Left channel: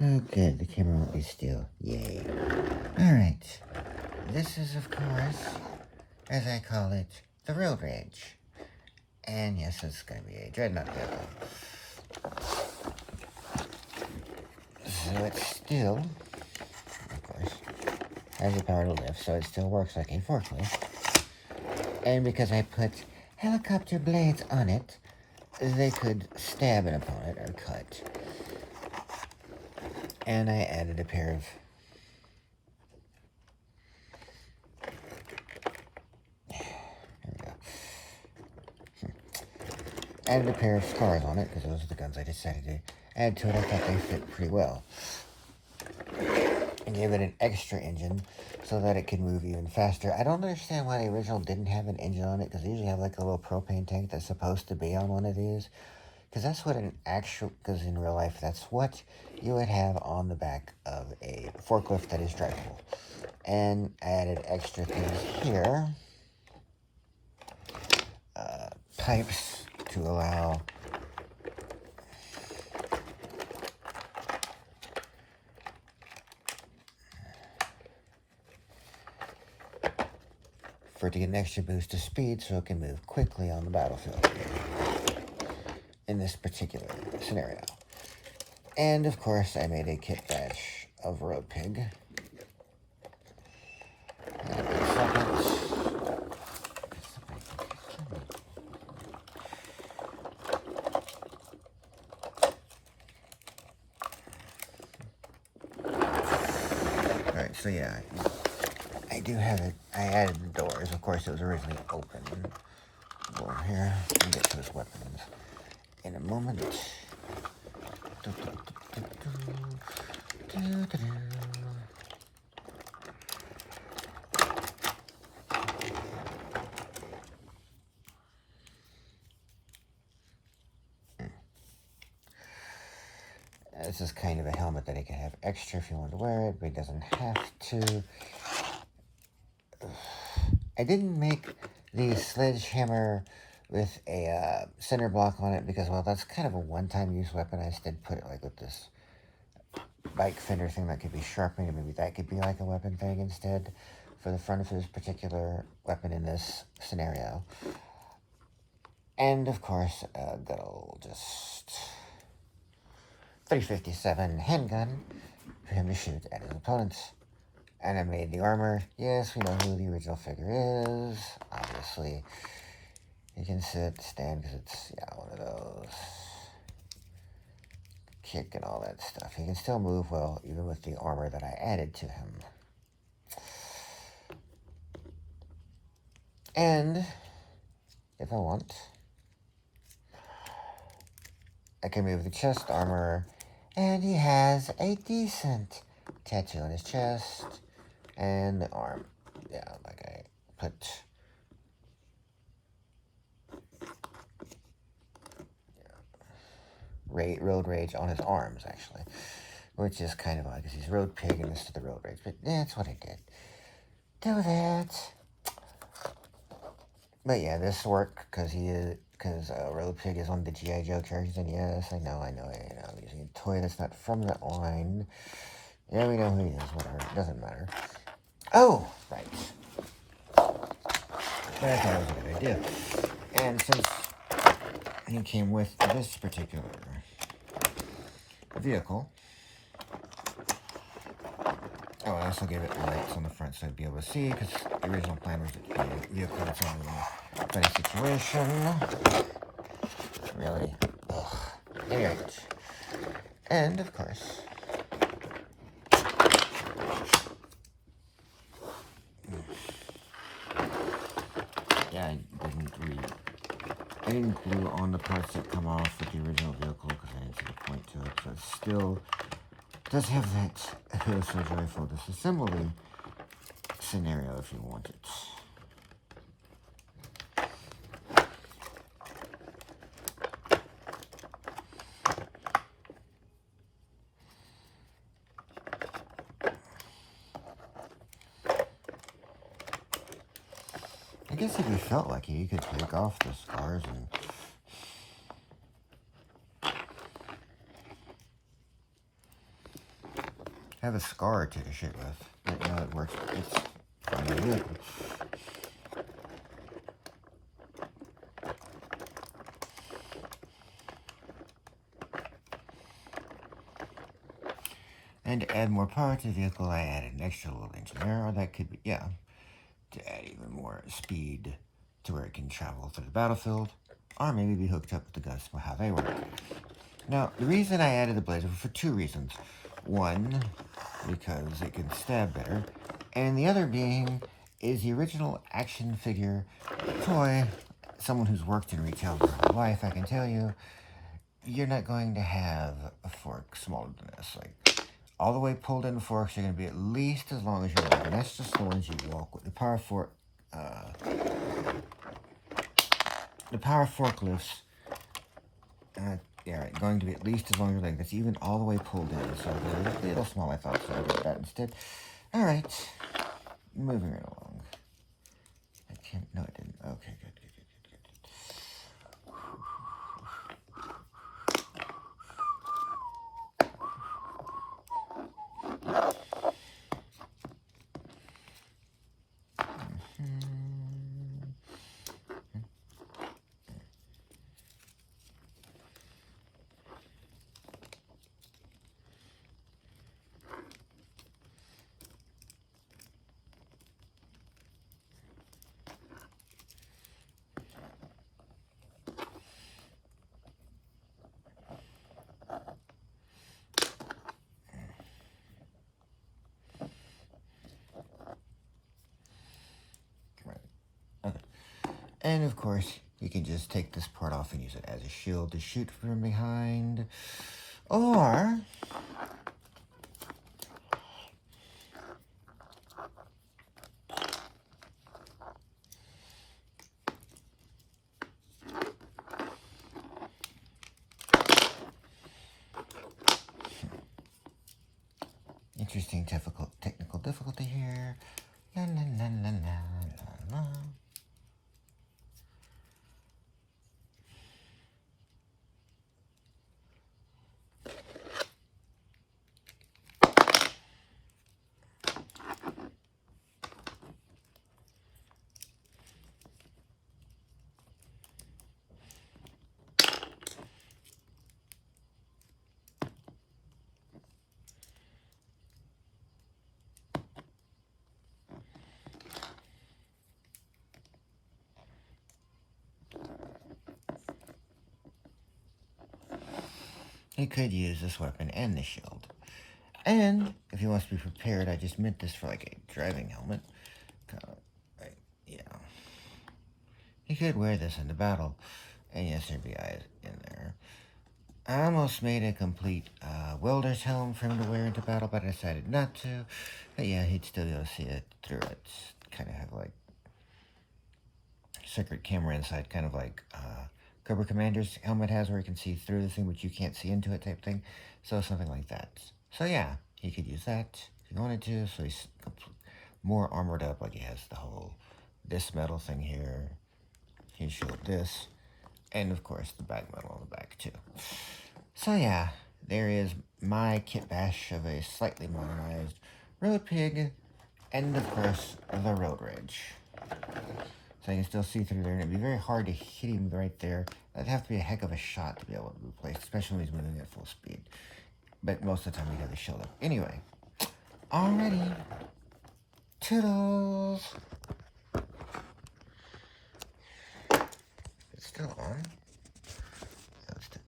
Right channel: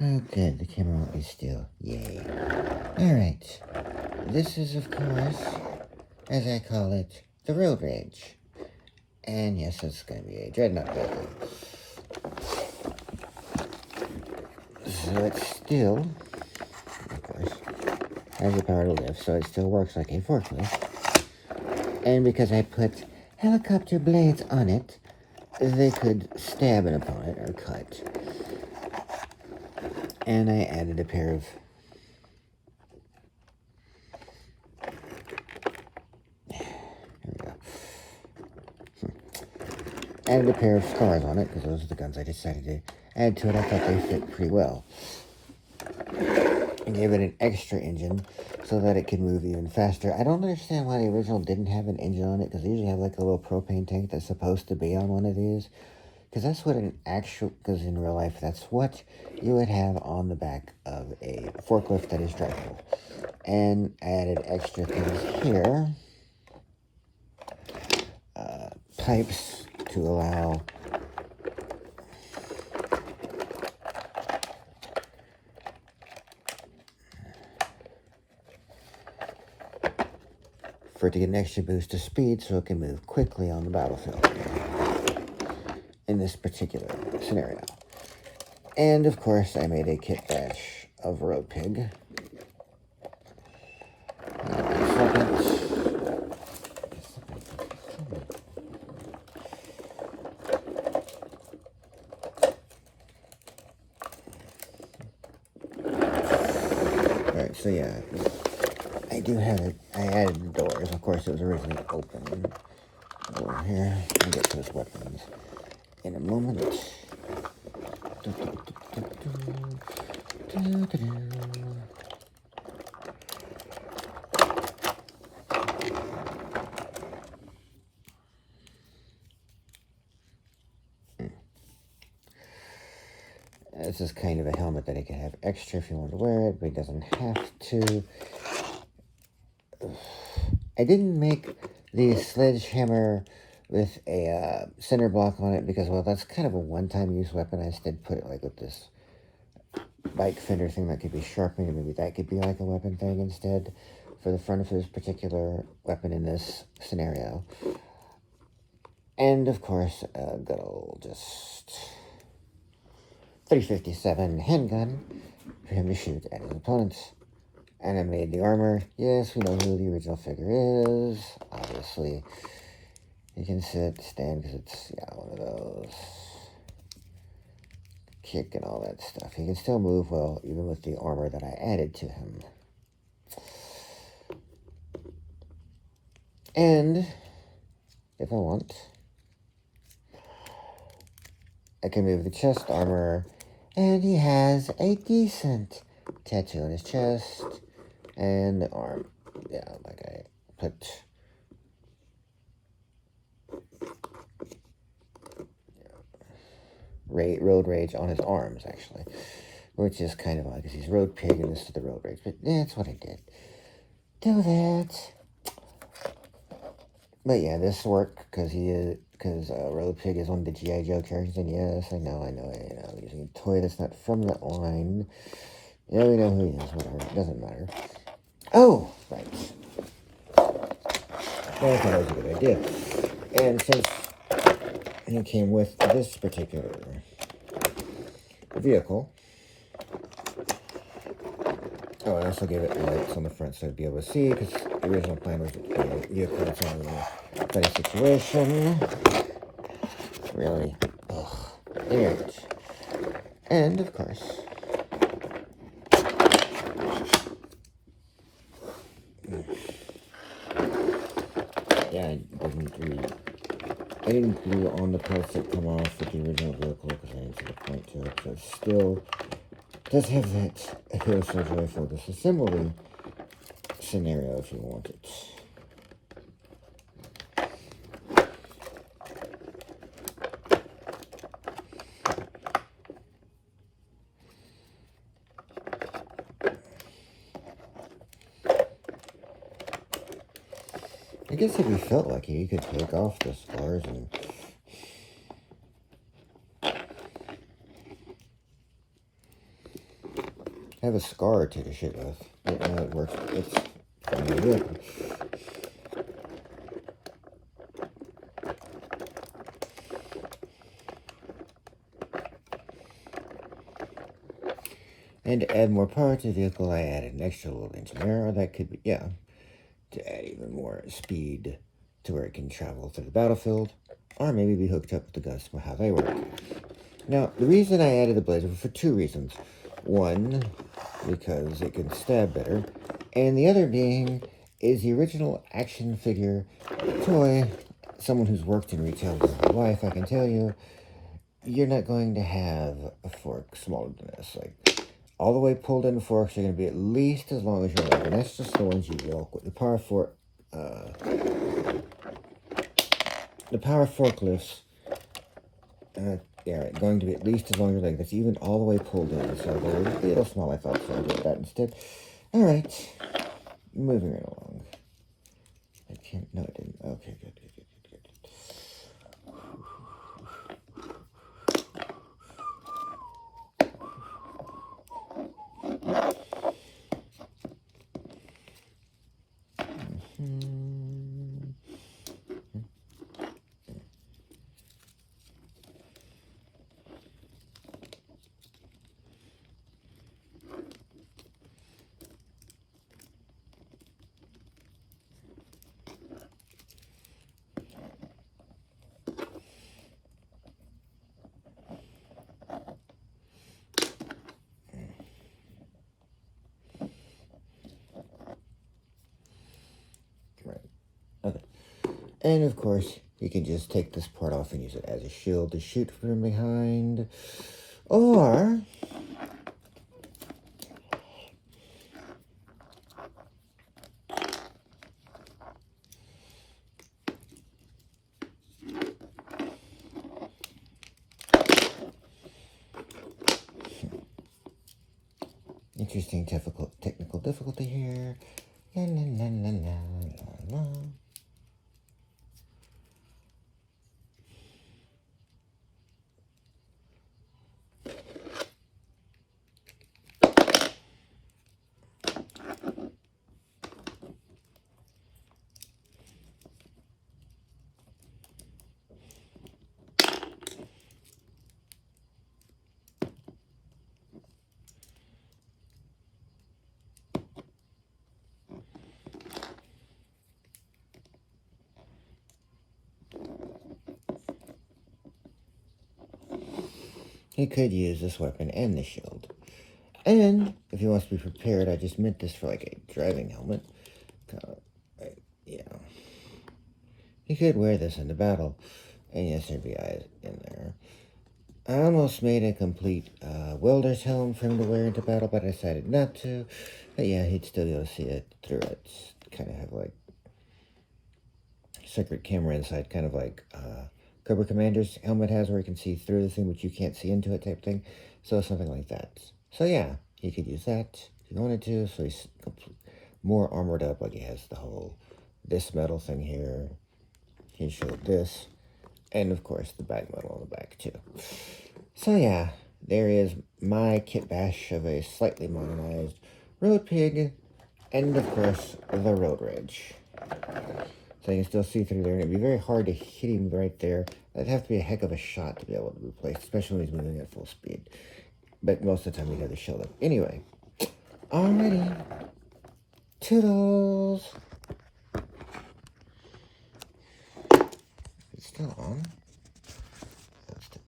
Oh, good. The camera won't be still. Yay. Alright. This is, of course, as I call it, the road rage. And yes, it's going to be a dreadnought vehicle. So it's still, of course, has the power to lift, so it still works like a forklift. And because I put helicopter blades on it, they could stab an opponent or cut. And I added a pair of scars on it, because those are the guns I decided to add to it. I thought they fit pretty well. And gave it an extra engine so that it could move even faster. I don't understand why the original didn't have an engine on it, because they usually have like a little propane tank that's supposed to be on one of these. Because that's what because in real life, that's what you would have on the back of a forklift that is drivable. And I added extra things here. Pipes to allow for it to get an extra boost of speed so it can move quickly on the battlefield in this particular scenario. And of course, I made a kit bash of Road Pig. Alright, so yeah, I do have it. I added the doors. Of course, it was originally open. Over here, I'll get to his weapons in a moment. This is kind of a helmet that he can have extra if he wants to wear it, but he doesn't have to. I didn't make the sledgehammer with a center block on it because, well, that's kind of a one-time use weapon. I instead put it like with this bike fender thing that could be sharpening, and maybe that could be like a weapon thing instead for the front of his particular weapon in this scenario. And of course, a good old just 357 handgun for him to shoot at his opponents. And I made the armor. Yes, we know who the original figure is. Obviously, you can sit, stand, because it's, yeah, one of those. Kick and all that stuff. He can still move well, even with the armor that I added to him. And, if I want, I can move the chest armor, and he has a decent tattoo on his chest, and the arm. Yeah, like I put Road Rage on his arms, actually. Which is kind of odd, because he's Road Pig and this is the Road Rage. But that's what I did. Do that. But yeah, this worked, because Road Pig is one of the G.I. Joe characters. And yes, I know, I'm using a toy that's not from that line. Yeah, we know who he is, whatever. It doesn't matter. Oh, right. I thought that was a good idea. And since he came with this particular vehicle, oh, I also gave it lights on the front so I'd be able to see, because the original plan was that the vehicle was in a funny situation. Really. Ugh. Anyway. And, of course, yeah, I didn't glue on the parts that come off with the original vehicle, because I didn't see the point to it, so it still does have that Hero Soldier Rifle disassembly scenario if you want it. I guess if you felt like it, you could take off the scars and I have a scar or two to shoot with. But now it works. It's finally good. And to add more power to the vehicle, I added an extra little engine there, or that could be, yeah, to add even more speed to where it can travel through the battlefield, or maybe be hooked up with the guns for how they work. Now, the reason I added the blazer was for two reasons. One, because it can stab better, and the other being is the original action figure toy. Someone who's worked in retail their whole life, I can tell you, you're not going to have a fork smaller than this. Like, all the way pulled in forks are going to be at least as long as your leg, and that's just the ones you walk with. The power forklifts, yeah, going to be at least as long as your leg. That's even all the way pulled in, so they're a little small. I thought, so I did that instead. All right, moving right along. I can't. No, it didn't. Okay, good. Okay. And of course, you can just take this part off and use it as a shield to shoot from behind. Or interesting technical difficulty here. La, la, la, la, la, la, la. He could use this weapon and the shield. And if he wants to be prepared, I just meant this for like a driving helmet. Yeah. He could wear this in the battle. And yes, there'd be eyes in there. I almost made a complete welder's helm for him to wear into battle, but I decided not to. But yeah, he'd still be able to see it through it. Kind of have like secret camera inside, kind of like Cobra Commander's helmet has, where you can see through the thing, but you can't see into it type thing. So something like that. So yeah, he could use that if he wanted to. So he's more armored up, like he has the whole, this metal thing here. He showed this. And of course the back metal on the back too. So yeah, there is my kit bash of a slightly modernized Road Pig, and of course the Road Rage. So you can still see through there, and it'd be very hard to hit him right there. That'd have to be a heck of a shot to be able to be placed, especially when he's moving at full speed. But most of the time we have the shield up. Anyway, alrighty, toodles. It's still on.